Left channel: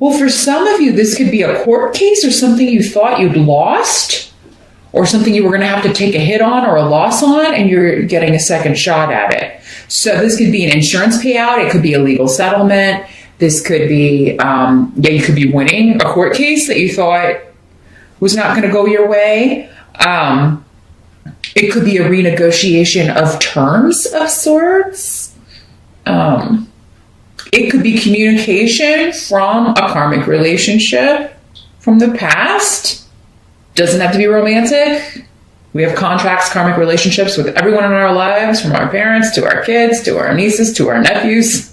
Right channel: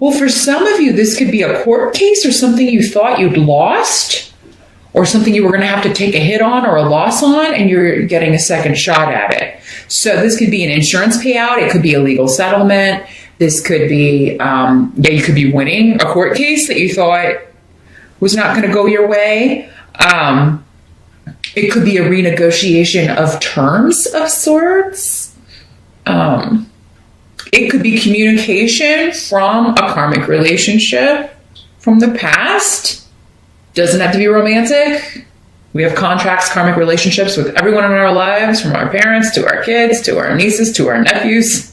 Well, for some of you, this could be a court case or something you thought you'd lost, or something you were going to have to take a hit on or a loss on, and you're getting a second shot at it. So this could be an insurance payout. It could be a legal settlement. This could be, you could be winning a court case that you thought was not going to go your way. It could be a renegotiation of terms of sorts. It could be communication from a karmic relationship from the past. Doesn't have to be romantic. We have contracts, karmic relationships with everyone in our lives, from our parents to our kids to our nieces to our nephews,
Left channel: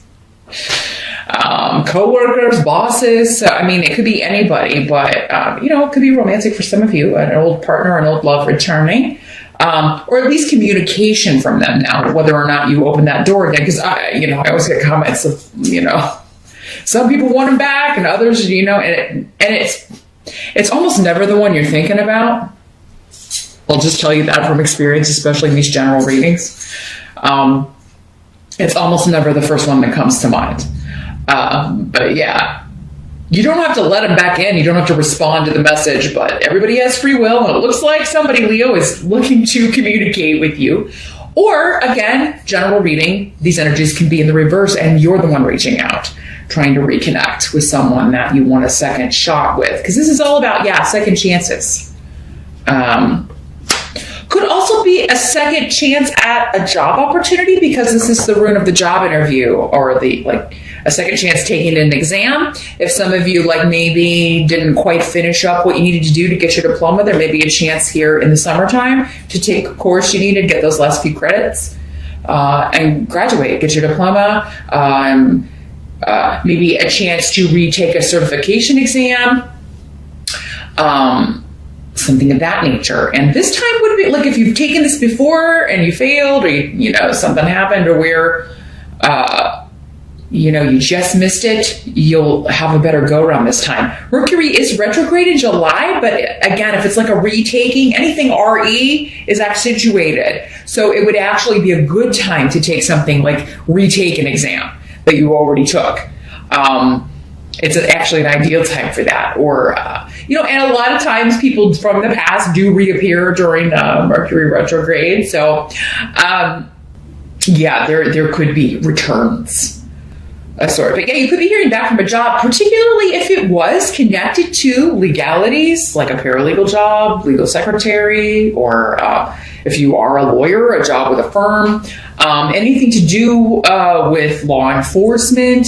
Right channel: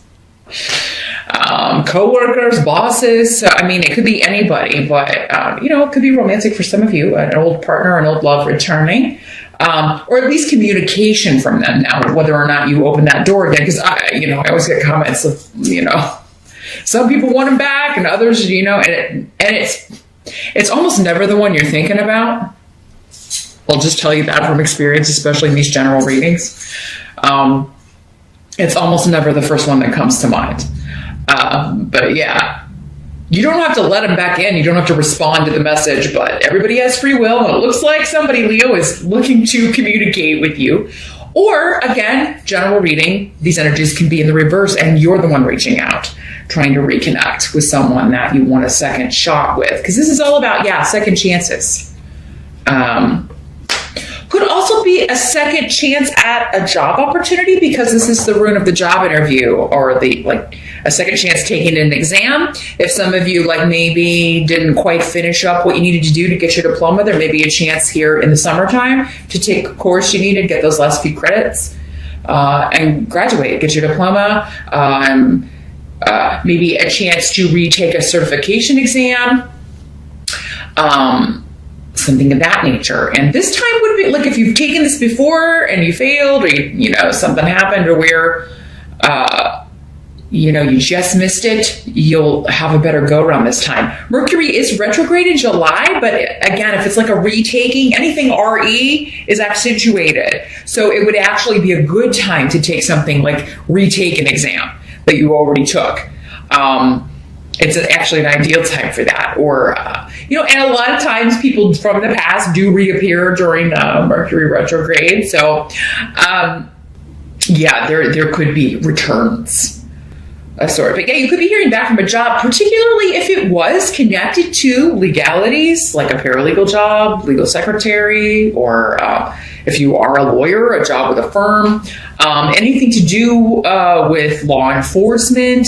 co-workers, bosses. So, I mean, it could be anybody, but, it could be romantic for some of you, an old partner, an old love returning. Or at least communication from them now, whether or not you open that door again. Because I always get comments of, some people want it back and others, and it's almost never the one you're thinking about. I'll just tell you that from experience, especially in these general readings. It's almost never the first one that comes to mind. But yeah. You don't have to let them back in. You don't have to respond to the message, but everybody has free will. It looks like somebody, Leo, is looking to communicate with you. Or, again, general reading, these energies can be in the reverse, and you're the one reaching out, trying to reconnect with someone that you want a second shot with. Because this is all about, second chances. Could also be a second chance at a job opportunity, because this is the rune of the job interview, or a second chance taking an exam. If some of you maybe didn't quite finish up what you needed to do to get your diploma, there may be a chance here in the summertime to take a course you need and get those last few credits and graduate, get your diploma. Maybe a chance to retake a certification exam. Something of that nature. And this time would be if you've taken this before and you failed, or something happened, or where you just missed it, you'll have a better go around this time. Mercury is retrograde in July, but again, if it's a retaking, anything RE is accentuated. So it would actually be a good time to take something retake an exam that you already took. It's actually an ideal time for that. Or, and a lot of times people from the past do reappear during Mercury retrograde. So, there could be returns. But you could be hearing back from a job, particularly if it was connected to legalities, like a paralegal job, legal secretary, or if you are a lawyer, a job with a firm, anything to do with law enforcement.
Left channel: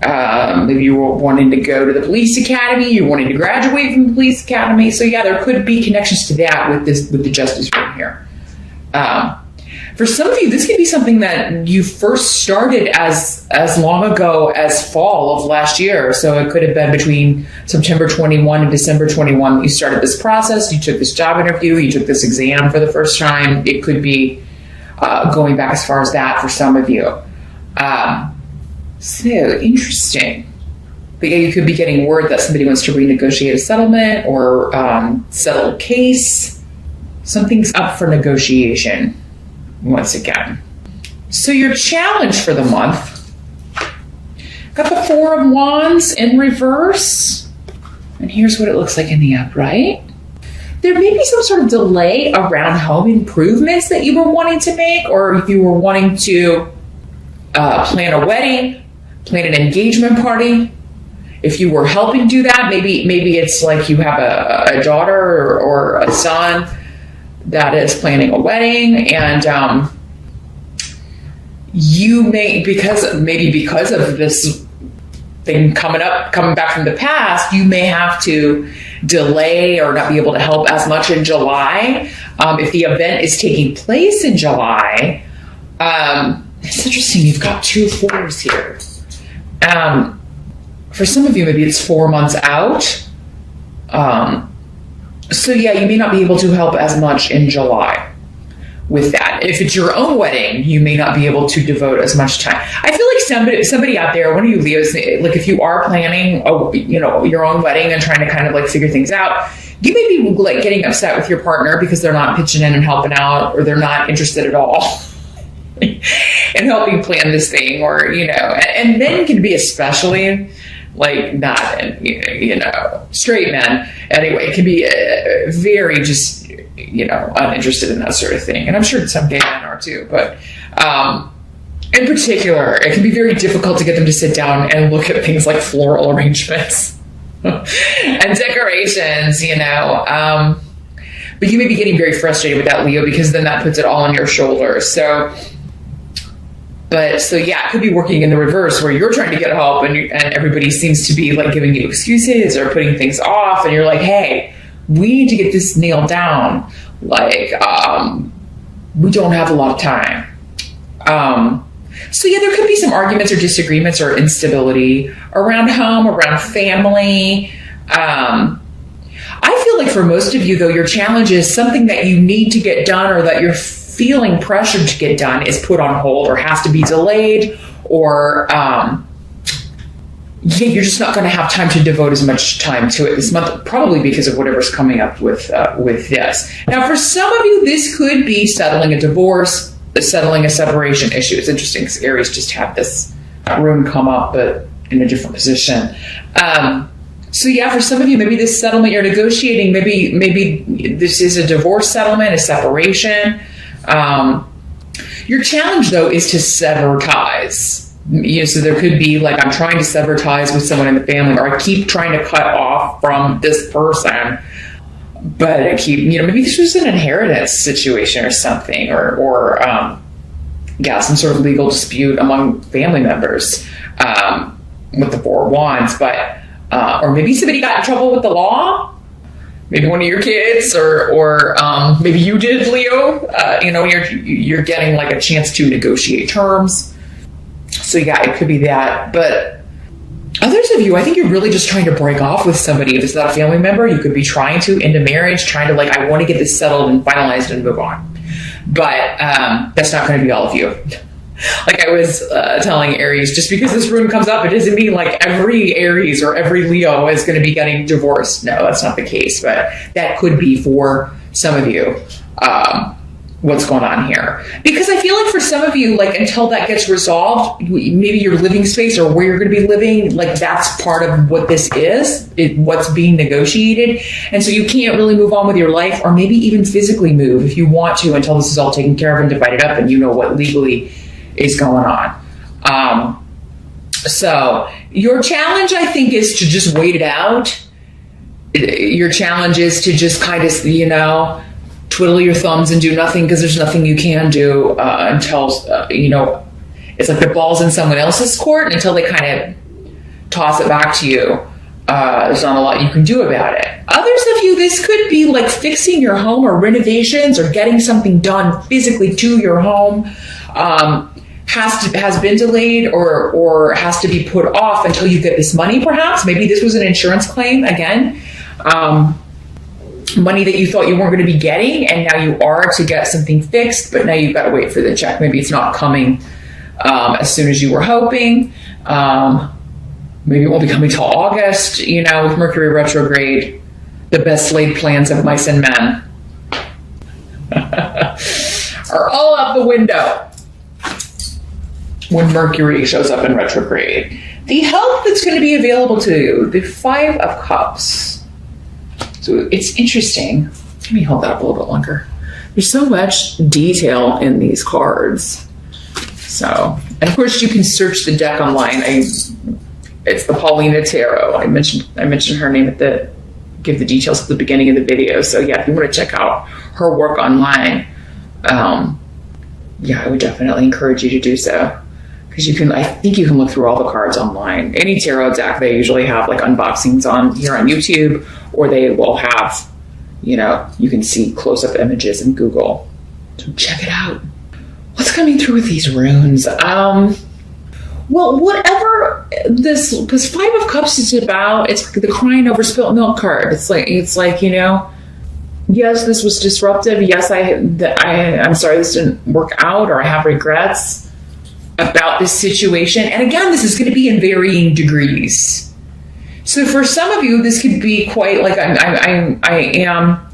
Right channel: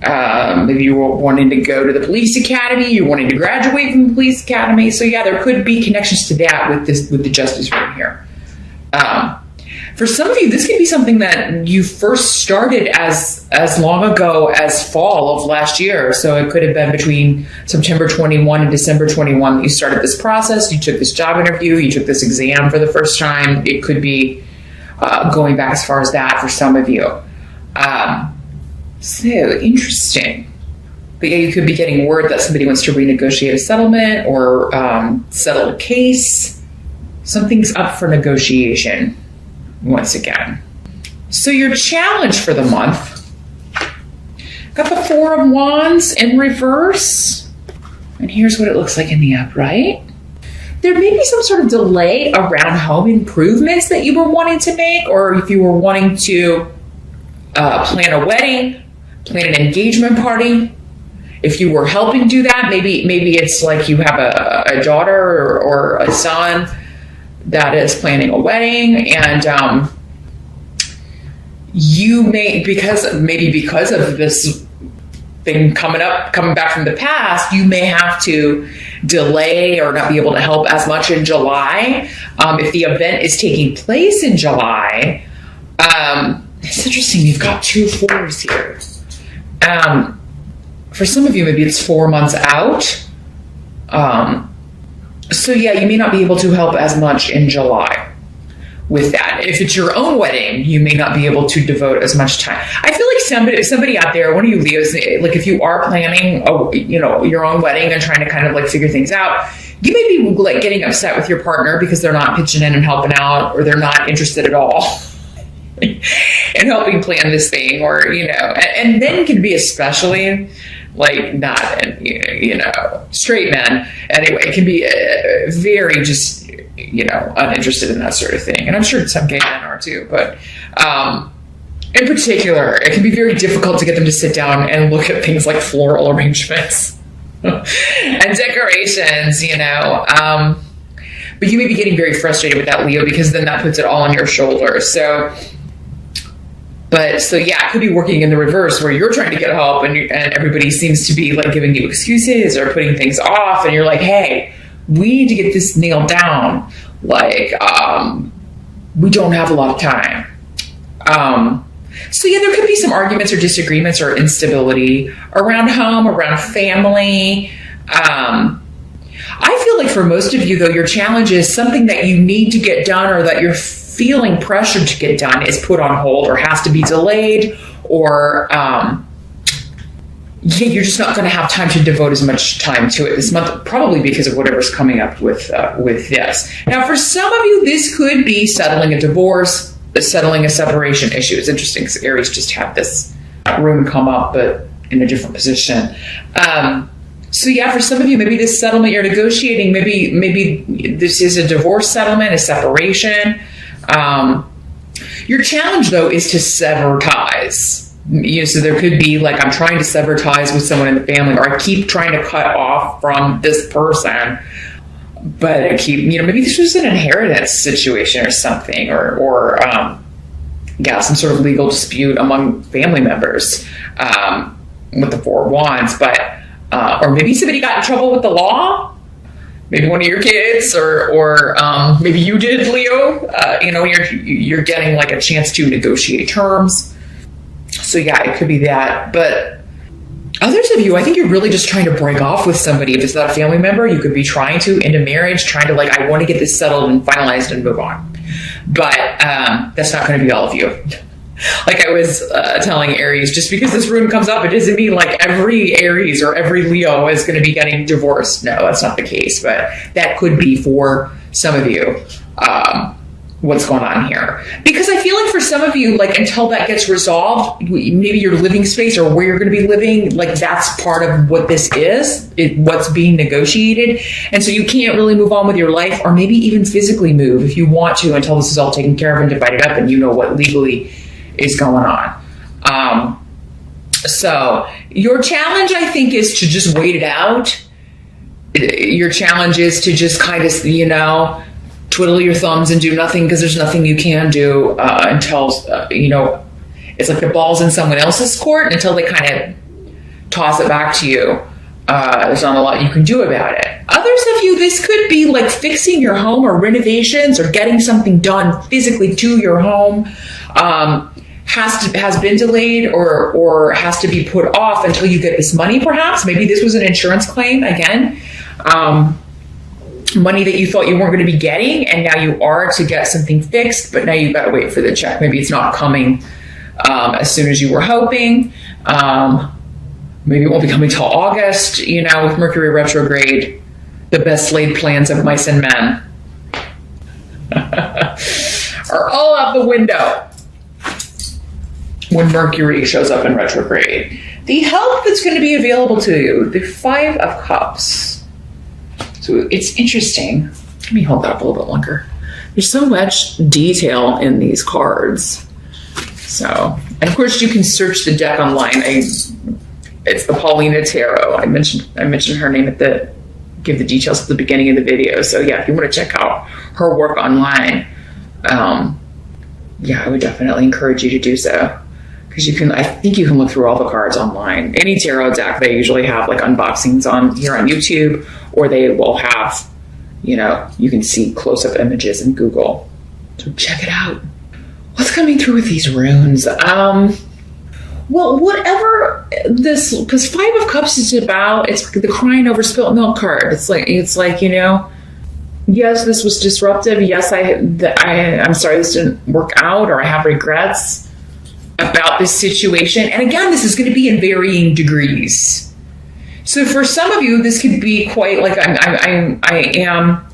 Maybe you were wanting to go to the police academy, you're wanting to graduate from the police academy. So there could be connections to that with the justice right here. For some of you, this could be something that you first started as long ago as fall of last year. So it could have been between September 21 and December 21 that you started this process. You took this job interview, you took this exam for the first time. It could be going back as far as that for some of you. So interesting. But you could be getting word that somebody wants to renegotiate a settlement or settle a case. Something's up for negotiation once again. So your challenge for the month, got the Four of Wands in reverse. And here's what it looks like in the upright. There may be some sort of delay around home improvements that you were wanting to make, or if you were wanting to plan a wedding, plan an engagement party. If you were helping do that, maybe it's you have a daughter or a son that is planning a wedding, and you may, because of this thing coming back from the past, you may have to delay or not be able to help as much in July. If the event is taking place in July, it's interesting, you've got 2 4s here. For some of you, maybe it's 4 months out. So you may not be able to help as much in July with that. If it's your own wedding, you may not be able to devote as much time. I feel like somebody out there, one of you Leos, if you are planning, your own wedding and trying to kind of figure things out, you may be getting upset with your partner because they're not pitching in and helping out, or they're not interested at all. and helping plan this thing, or, and men can be especially like not, straight men. Anyway, it can be very just, uninterested in that sort of thing. And I'm sure some gay men are too, but, in particular, it can be very difficult to get them to sit down and look at things like floral arrangements and decorations, but you may be getting very frustrated with that, Leo, because then that puts it all on your shoulders. So yeah, it could be working in the reverse, where you're trying to get help and everybody seems to be like giving you excuses or putting things off, and you're like, hey, we need to get this nailed down. Like, we don't have a lot of time. So yeah, there could be some arguments or disagreements or instability around home, around family. I feel like for most of you, though, your challenge is something that you need to get done, or that you're feeling pressured to get done, is put on hold or has to be delayed, or you're just not going to have time to devote as much time to it this month, probably because of whatever's coming up with this. Now, for some of you, this could be settling a divorce, settling a separation issue. It's interesting because Aries just had this rune come up, but in a different position. So yeah, for some of you, maybe this settlement you're negotiating, maybe this is a divorce settlement, a separation. Your challenge, though, is to sever ties. So there could be like, I'm trying to sever ties with someone in the family, or I keep trying to cut off from this person, but I keep, maybe this was an inheritance situation or something, or some sort of legal dispute among family members with the Four of Wands, or maybe somebody got in trouble with the law. Maybe one of your kids, or maybe you did, Leo. You're getting like a chance to negotiate terms. So yeah, it could be that. But others of you, I think you're really just trying to break off with somebody. If it's not a family member, you could be trying to into marriage, trying to I want to get this settled and finalized and move on. But that's not going to be all of you. Like I was telling Aries, just because this rune comes up, it doesn't mean like every Aries or every Leo is going to be getting divorced. No, that's not the case, but that could be for some of you what's going on here. Because I feel like for some of you, like until that gets resolved, maybe your living space or where you're going to be living, like that's part of what this is, what's being negotiated. And so you can't really move on with your life, or maybe even physically move if you want to, until this is all taken care of and divided up and you know what legally is going on. So your challenge, I think, is to just wait it out. Your challenge is to just kind of, twiddle your thumbs and do nothing, because there's nothing you can do until, it's like the ball's in someone else's court, and until they kind of toss it back to you, there's not a lot you can do about it. Others of you, this could be like fixing your home or renovations or getting something done physically to your home. Has been delayed or has to be put off until you get this money, perhaps. Maybe this was an insurance claim, again. Money that you thought you weren't going to be getting, and now you are to get something fixed, but now you've got to wait for the check. Maybe it's not coming as soon as you were hoping. Maybe it won't be coming till August. With Mercury retrograde, the best laid plans of mice and men are all out the window when Mercury shows up in retrograde. The help that's going to be available to you, the Five of Cups. So it's interesting. Let me hold that up a little bit longer. There's so much detail in these cards. So, and of course you can search the deck online. It's the Paulina Tarot. I mentioned her name give the details at the beginning of the video. So yeah, if you want to check out her work online, I would definitely encourage you to do so. Because I think you can look through all the cards online. Any tarot deck, they usually have like unboxings here on YouTube, or they will have, you can see close-up images in Google. So check it out. What's coming through with these runes? Well, whatever this Five of Cups is about, it's the crying over spilt milk card. It's like yes, this was disruptive. Yes, I'm sorry this didn't work out, or I have regrets about this situation. And again, this is going to be in varying degrees. So for some of you, this could be quite like I am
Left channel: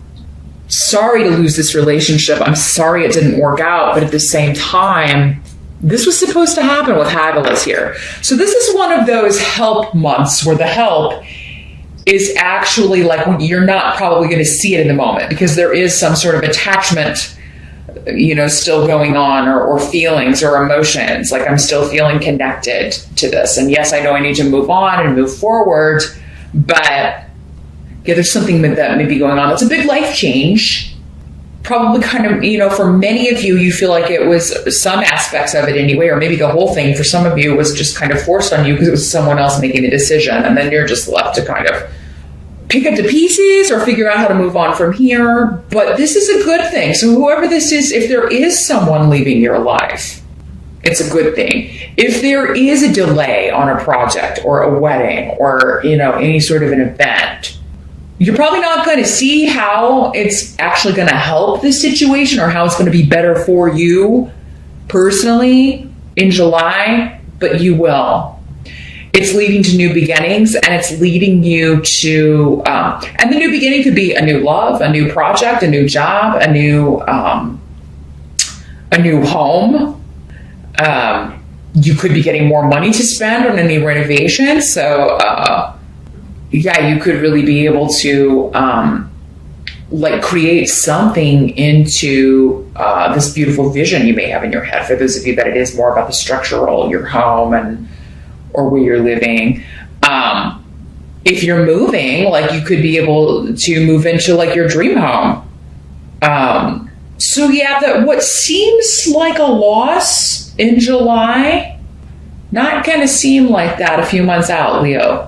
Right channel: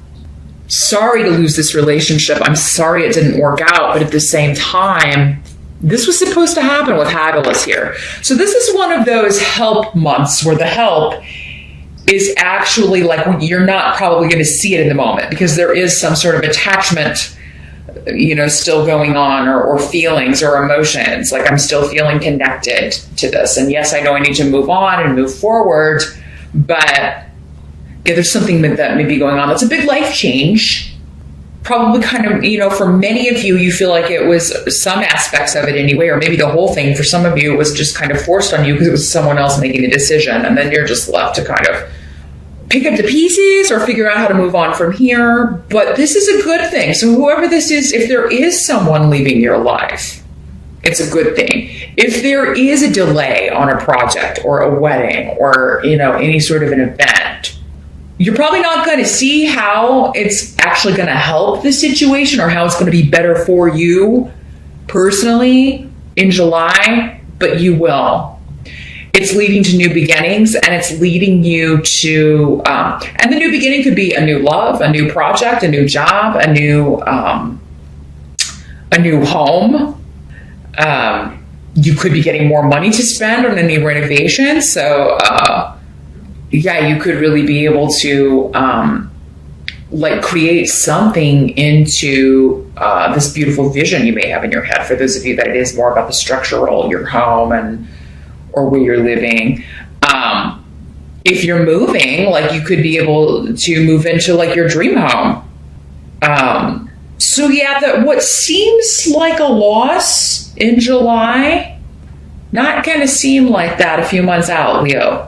sorry to lose this relationship. I'm sorry it didn't work out. But at the same time, this was supposed to happen with Fabulous here. So this is one of those help months where the help is actually like when you're not probably going to see it in the moment because there is some sort of attachment, still going on or feelings or emotions. Like I'm still feeling connected to this. And yes, I know I need to move on and move forward, but there's something that may be going on. It's a big life change. Probably kind of, for many of you, you feel like it was some aspects of it anyway, or maybe the whole thing. For some of you, it was just kind of forced on you because it was someone else making the decision. And then you're just left to kind of pick up the pieces or figure out how to move on from here. But this is a good thing. So whoever this is, if there is someone leaving your life, it's a good thing. If there is a delay on a project or a wedding or, any sort of an event, you're probably not going to see how it's actually going to help the situation or how it's going to be better for you personally in July, but you will. It's leading to new beginnings, and it's leading you to, and the new beginning could be a new love, a new project, a new job, a new home. You could be getting more money to spend on a new renovation. So, you could really be able to, create something into this beautiful vision you may have in your head. For those of you that it is more about the structural, your home or where you're living. If you're moving, you could be able to move into your dream home. What seems like a loss in July, not going to seem like that a few months out, Leo.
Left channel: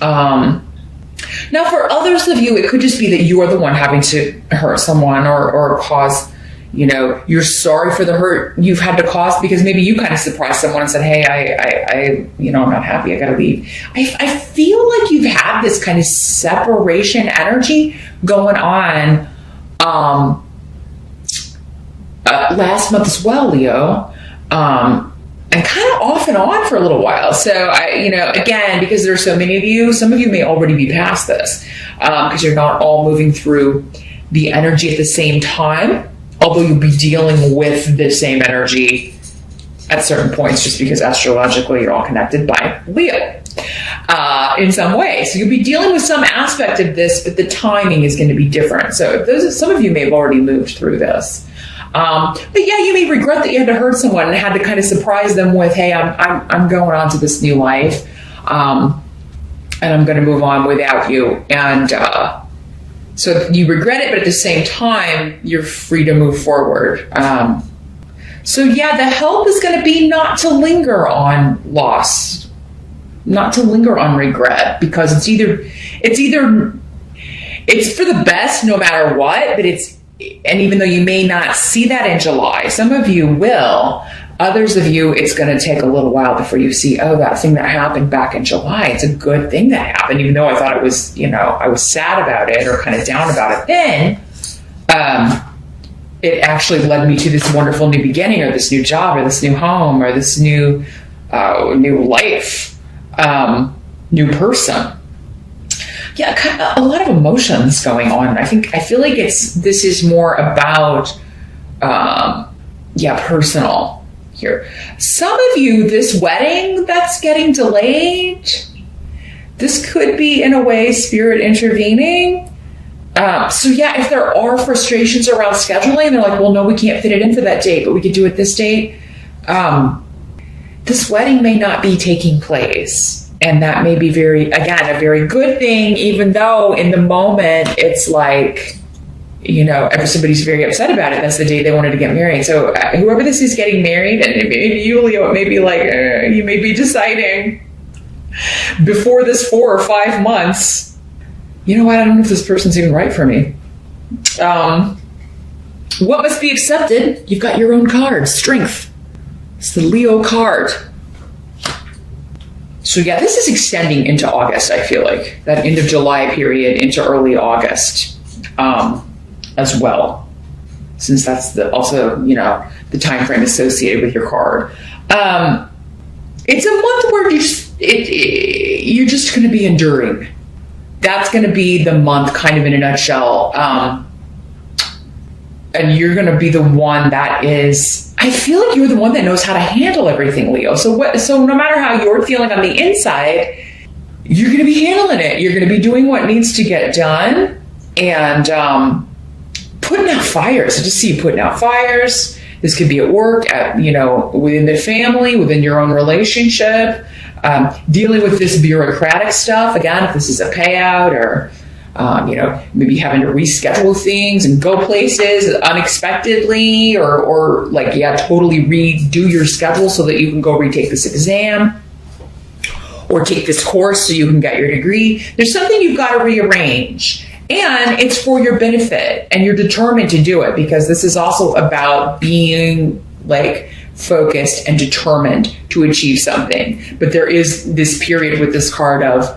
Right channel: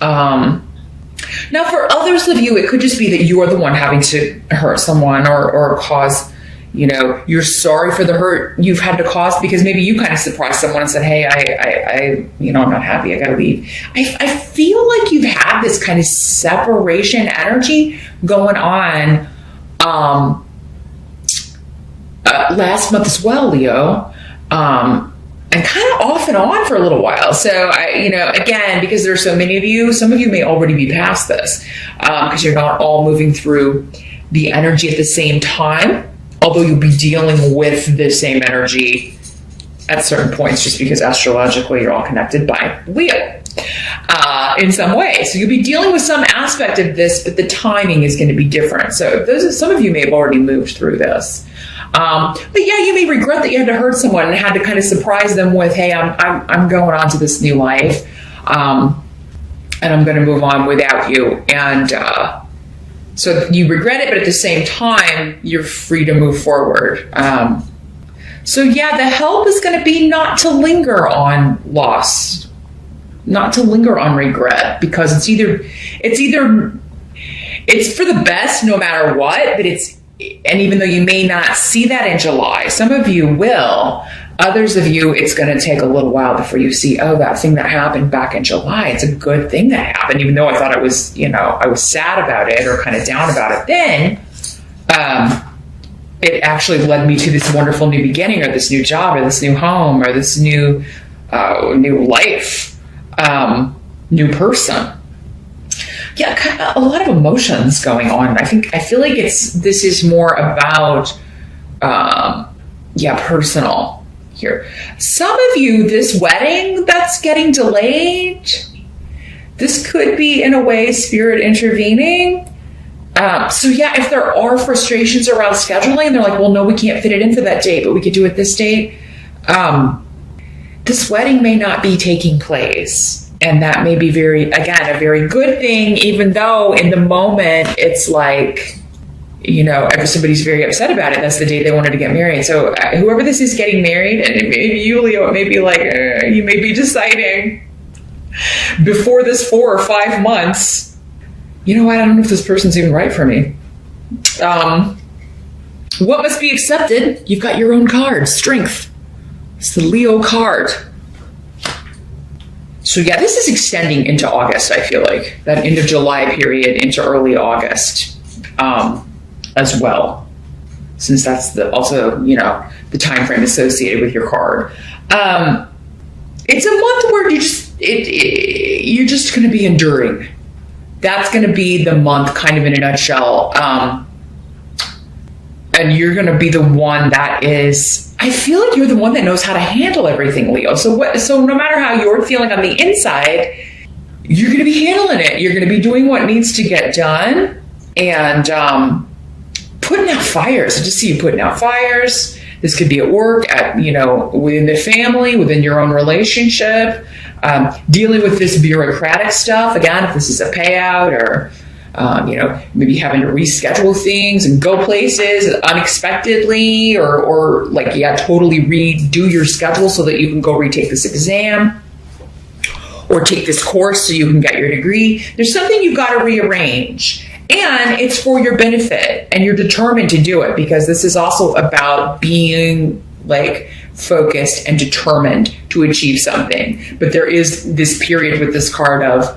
Now, for others of you, it could just be that you're the one having to hurt someone or cause, you're sorry for the hurt you've had to cause because maybe you kind of surprised someone and said, hey, I'm not happy. I got to leave. I feel like you've had this kind of separation energy going on last month as well, Leo. And kind of off and on for a little while. So, again, because there's so many of you, some of you may already be past this because you're not all moving through the energy at the same time, although you'll be dealing with the same energy at certain points just because astrologically you're all connected by Leo in some way. So you'll be dealing with some aspect of this, but the timing is going to be different. So some of you may have already moved through this. But you may regret that you had to hurt someone and had to kind of surprise them with, hey, I'm going on to this new life, and I'm going to move on without you. And so you regret it, but at the same time, you're free to move forward. The help is going to be not to linger on loss, not to linger on regret, because it's for the best no matter what, but and even though you may not see that in July, some of you will. Others of you, it's going to take a little while before you see, that thing that happened back in July. It's a good thing that happened, even though I thought it was, I was sad about it or kind of down about it. Then it actually led me to this wonderful new beginning or this new job or this new home or this new life, new person. Kind of a lot of emotions going on. I feel like this is more about, personal here. Some of you, this wedding that's getting delayed, this could be in a way spirit intervening. If there are frustrations around scheduling, they're like, well, no, we can't fit it in for that date, but we could do it this date. This wedding may not be taking place. And that may be a very good thing, even though in the moment it's like, everybody's very upset about it. That's the day they wanted to get married. So whoever this is getting married, and if you, Leo, it may be like, you may be deciding before this 4 or 5 months, I don't know if this person's even right for me. What must be accepted? You've got your own card, Strength. It's the Leo card. So this is extending into August, I feel like. That end of July period into early August as well. Since that's also the time frame associated with your card. It's a month where you're just going to be enduring. That's going to be the month kind of in a nutshell. And you're going to be the one that is, I feel like you're the one that knows how to handle everything, Leo. So no matter how you're feeling on the inside, you're going to be handling it. You're going to be doing what needs to get done and putting out fires. I just see you putting out fires. This could be at work, within the family, within your own relationship, dealing with this bureaucratic stuff. Again, if this is a payout or, maybe having to reschedule things and go places unexpectedly or totally redo your schedule so that you can go retake this exam or take this course so you can get your degree. There's something you've got to rearrange. And it's for your benefit, and you're determined to do it because this is also about being focused and determined to achieve something. But there is this period with this card of,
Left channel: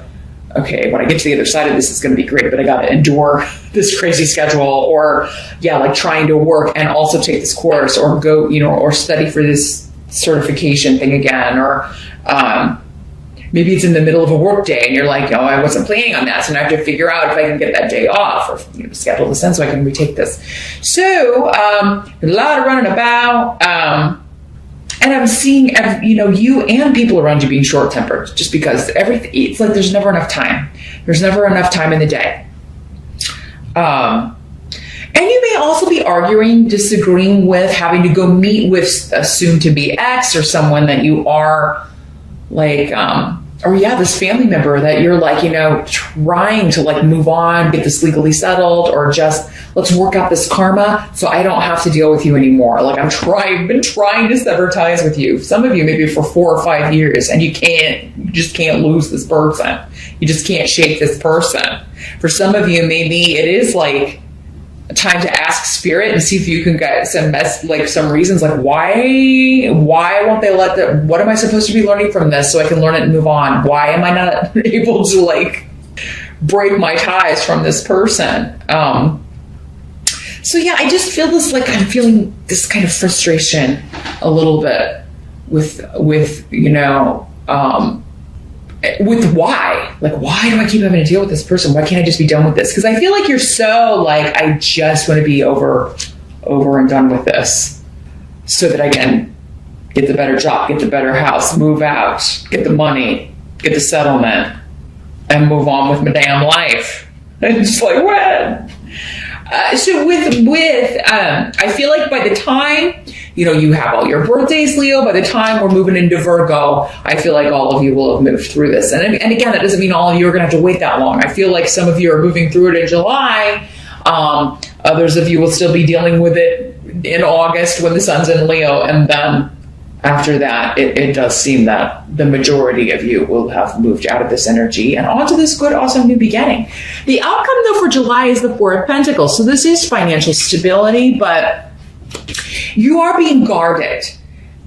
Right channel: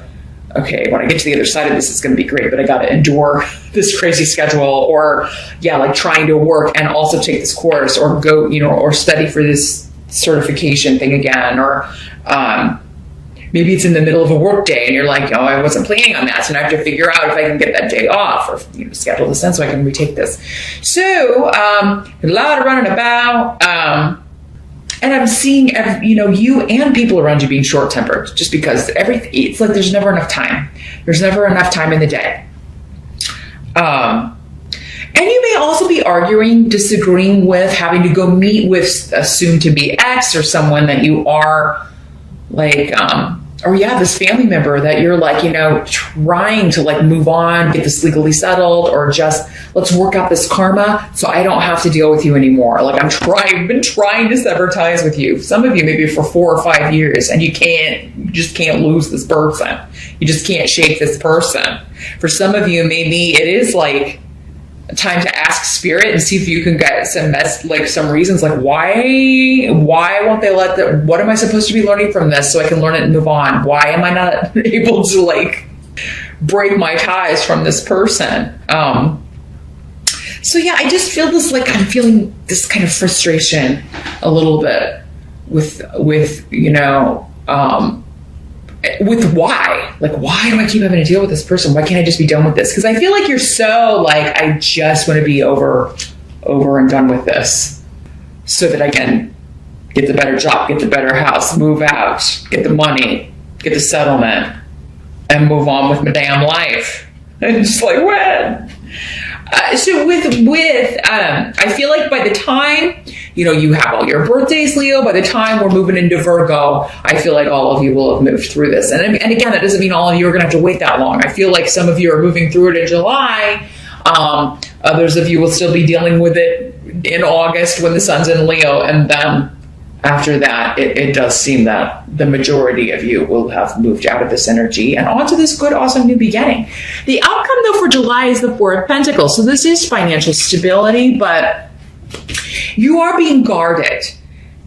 okay, when I get to the other side of this, it's going to be great, but I got to endure this crazy schedule or trying to work and also take this course or go, or study for this certification thing again, or, maybe it's in the middle of a work day and you're like, oh, I wasn't planning on that. So now I have to figure out if I can get that day off or schedule this in so I can retake this. So, a lot of running about. And I'm seeing, you and people around you being short-tempered just because it's like there's never enough time. There's never enough time in the day. And you may also be arguing, disagreeing with, having to go meet with a soon-to-be ex or someone that you are this family member that you're trying to move on, get this legally settled, or just let's work out this karma so I don't have to deal with you anymore. I've been trying to sever ties with you. Some of you maybe for 4 or 5 years, and you just can't lose this person. You just can't shake this person. For some of you, maybe it is time to ask spirit and see if you can get some reasons why won't they let the, what am I supposed to be learning from this so I can learn it and move on? Why am I not able to break my ties from this person? I just feel this I'm feeling this kind of frustration a little bit with why? Why do I keep having to deal with this person? Why can't I just be done with this? Because I feel like you're so I just want to be over and done with this so that I can get the better job, get the better house, move out, get the money, get the settlement, and move on with my damn life. And it's when? So I feel like by the time, you have all your birthdays, Leo, by the time we're moving into Virgo, I feel like all of you will have moved through this. And again, that doesn't mean all of you are going to have to wait that long. I feel like some of you are moving through it in July. Others of you will still be dealing with it in August when the sun's in Leo. And then after that, it does seem that the majority of you will have moved out of this energy and onto this good, awesome new beginning. The outcome, though, for July is the Four of Pentacles. So this is financial stability, but you are being guarded.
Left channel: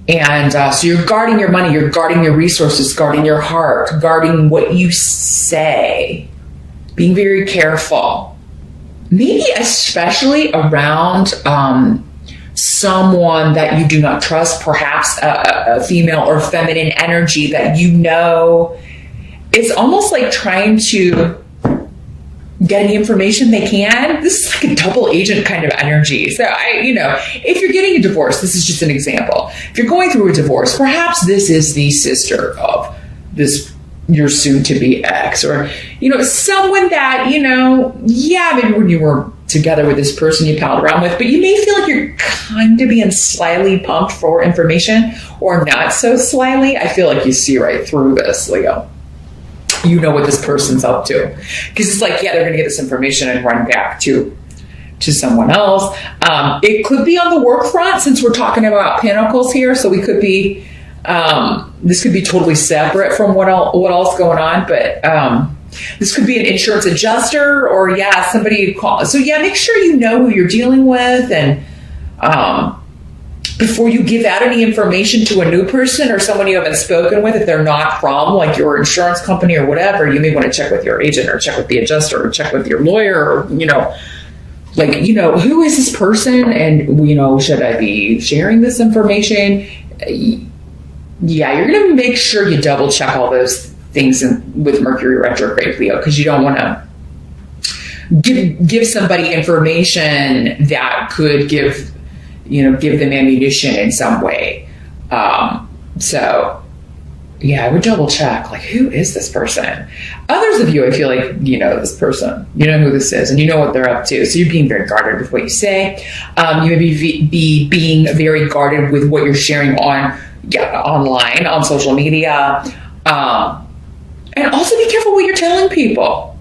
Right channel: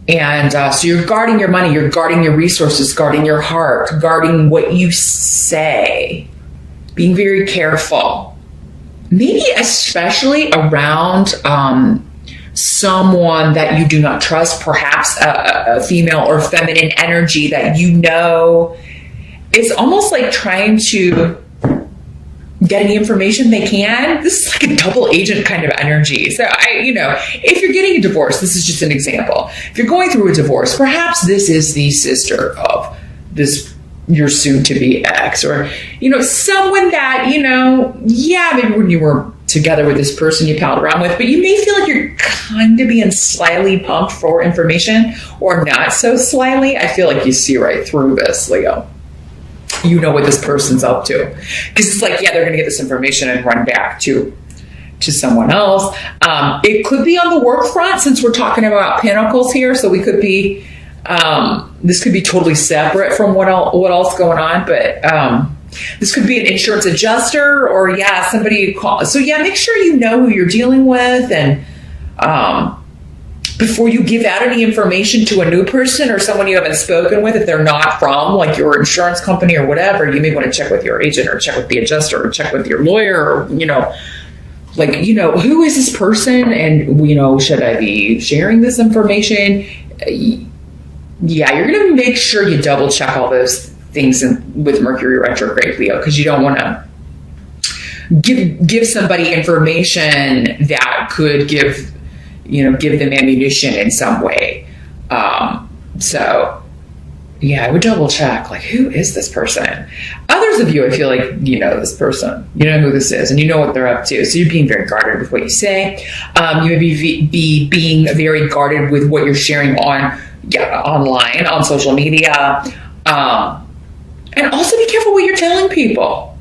And so you're guarding your money, you're guarding your resources, guarding your heart, guarding what you say, being very careful. Maybe especially around someone that you do not trust, perhaps a female or feminine energy that is almost like trying to get any information they can. This is a double agent kind of energy. So if you're getting a divorce, this is just an example. If you're going through a divorce, perhaps this is the sister of your soon-to-be ex, or someone that maybe when you were together with this person you palled around with, but you may feel like you're kind of being slyly pumped for information, or not so slyly. I feel like you see right through this, Leo. You know what this person's up to, because it's they're going to get this information and run back to someone else. It could be on the work front, since we're talking about Pentacles here. So we could be this could be totally separate from what else going on, but this could be an insurance adjuster, or somebody you call. So make sure you know who you're dealing with, and before you give out any information to a new person or someone you haven't spoken with, if they're not from your insurance company or whatever, you may want to check with your agent or check with the adjuster or check with your lawyer, or who is this person, and should I be sharing this information? You're going to make sure you double check all those things with Mercury retrograde, Leo, because you don't want to give somebody information that could give them ammunition in some way. So yeah, I would double check, like, who is this person? Others of you, I feel like you know this person. You know who this is, and you know what they're up to. So you're being very guarded with what you say. You may be being very guarded with what you're sharing online, on social media. And also be careful what you're telling people.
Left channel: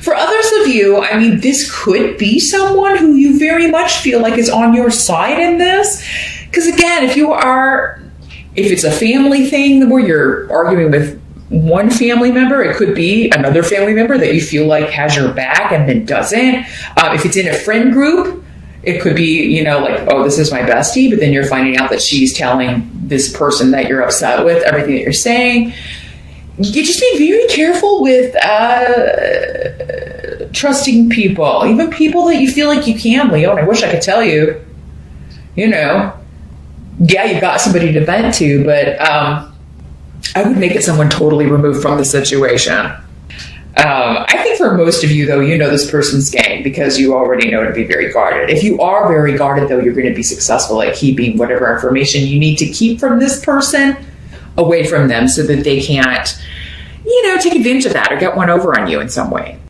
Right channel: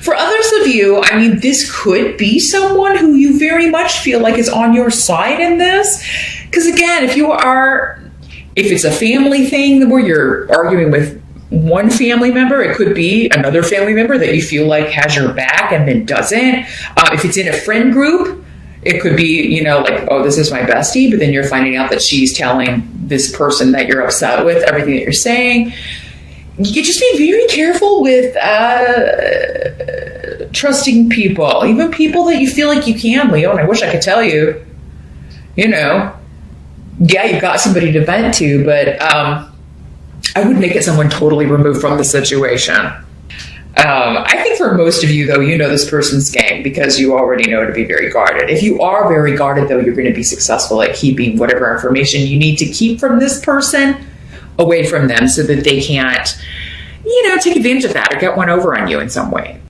For others of you, I mean, this could be someone who you very much feel like is on your side in this. Because again, if it's a family thing where you're arguing with one family member, it could be another family member that you feel like has your back and then doesn't. If it's in a friend group, it could be, like, oh, this is my bestie, but then you're finding out that she's telling this person that you're upset with everything that you're saying. You just be very careful with trusting people, even people that you feel like you can, Leo. And I wish I could tell you, yeah, you've got somebody to vent to, but I would make it someone totally removed from the situation. I think for most of you, though, you know this person's game because you already know to be very guarded. If you are very guarded, though, you're going to be successful at keeping whatever information you need to keep from this person away from them so that they can't, take advantage of that or get one over on you in some way.